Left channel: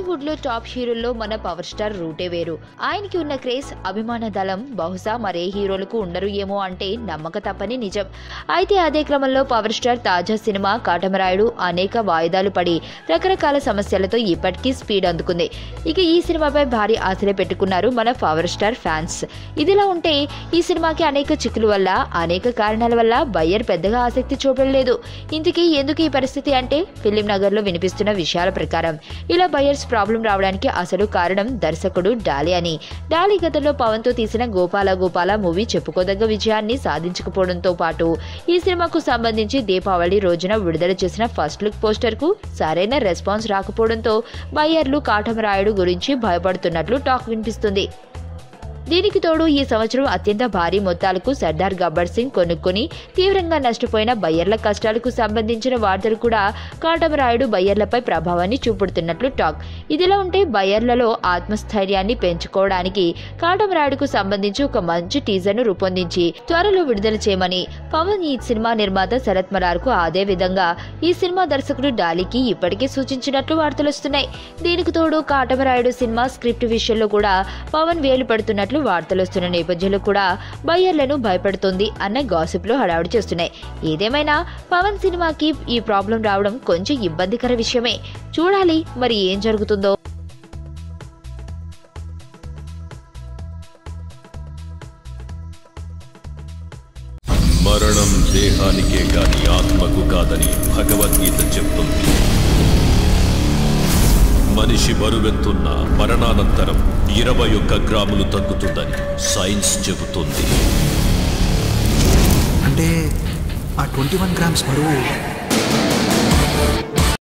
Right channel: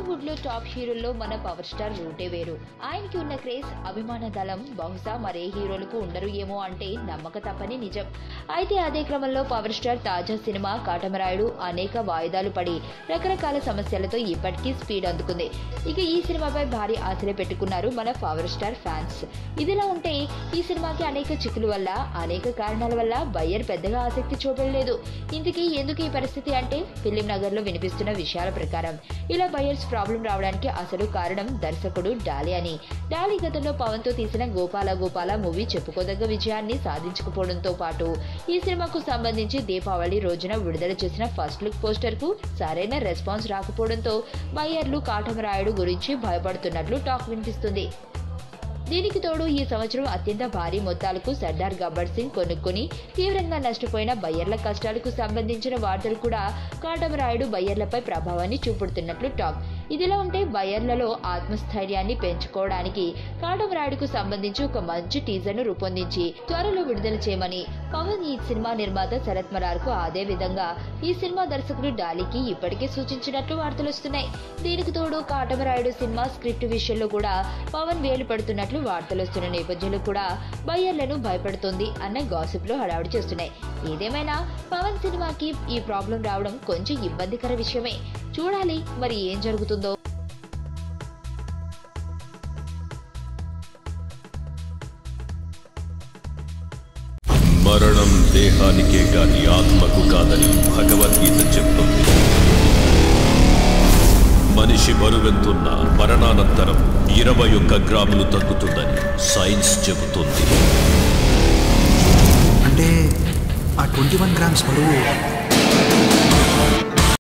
టాలీవుడ్ లో టాప్ హీరోల్లో మన power star రూటే వేరు. ఆయనకి ఉన్న క్రేజ్, అభిమాన దళం బహుశా మరే హీరోలకు ఉండరు ఏమో అంటే నమ్మక తప్పని నిజం. అయితే అదే క్రమంలో పవర్ స్టార్ తాజా సినిమా కాటమరాయుడు అనేక వాయిదాలు పడి రకరకాల సమస్యలతో ఇప్పటికీ స్పీడ్ అందుకుంది. ఇక ఈ సినిమాపై భారీ ఆశలు పెట్టుకున్నారు మన పవర్ స్టార్ ఫ్యాన్స్. ఇదిలా ఉంటే ఈ సినిమాకి అనేక చిక్కుల వల్ల, అనేక కారణాల వల్ల బయ్యర్ పెద్దగా ఆసక్తి చూపలేదు. ఇందుకీ ఎందుకు ఈ పరిస్థితి అంటే ఫిలిం నగర్ లో వినిపిస్తున్న విషయాల ప్రకారం ఇలా బయ్యర్స్ ప్రాబ్లం రావడానికి అసలు కారణం దర్శకుడు డాలీ అని. డాలీ గతంలో పవన్ తో తీసిన గోపాల గోపాల మూవీ చెప్పుకోదగ్గ విజయాన్ని సాధించకపోవడంతో పాటు ఈ సినిమాకు సంబంధించి దీపావళి రోజున విడుదల చేసిన ఫస్ట్ లుక్ పోస్టర్ కు సరైన రెస్పాన్స్ రాకపోవడంతో బయ్యర్లు కాటమరాయుడు గురించి భయపడుతున్నట్లు టాక్ వినిపిస్తుంది. దీనికి తోడు ఈ సంవత్సరం అత్యంత భారీ మొత్తాలకు సర్దార్ గబ్బర్ సింగ్ కొనుక్కొని తీవ్రంగా నష్టపోయిన బయ్యర్ల కష్టాలకు సంబంధించిన వార్తలు కూడా కాటమరాయుడు బయ్యర్లపై ప్రభావాన్ని చూపుతున్నట్లు టాక్. ఇదిలా ఉంటే బయ్యర్లలో ఆత్మస్థైర్యాన్ని పెంచుకోవడానికి కాటమరాయుడుకు సంబంధించి ఒక మంచి టీజర్ ను రూపొందించి త్వరలో విడుదల చేయమని పవన్ ఈ సినిమా నిర్మాత శరత్ మరార్ కు, అదే విధంగా ఈ సినిమా దర్శకుడు డాలీకి ఇప్పటికే సూచించినట్లు వార్తలొస్తున్నాయి. దీనికి తోడు కాటమరాయుడు సినిమా స్క్రిప్ట్ విషయంలో కూడా పవన్ వేలు పడుతున్నట్లు వార్తలొస్తున్న నేపథ్యంలో కూడా బయ్యర్లను భయపడుతుంది అన్న గాసిప్లు హడావుడి చేస్తున్నాయి. ఏదేమైనా పవన్ సినిమాకి ఈ ప్రాబ్లం రావడం కొంచెం ఇబ్బందికర విషయమే. చూడాలి మరి ఏం జరుగుతుందో. మరణం దేహానికే గాని ఆత్మకు కాదని భగవద్గీత చెప్తుంది. మనిషి బరువెంతున్న మరణానంతరం 21 గ్రాములు తగ్గుతుందని సైన్స్ చెబుతుంది. అంటే ఆ 21 గ్రామ్స్ బరువు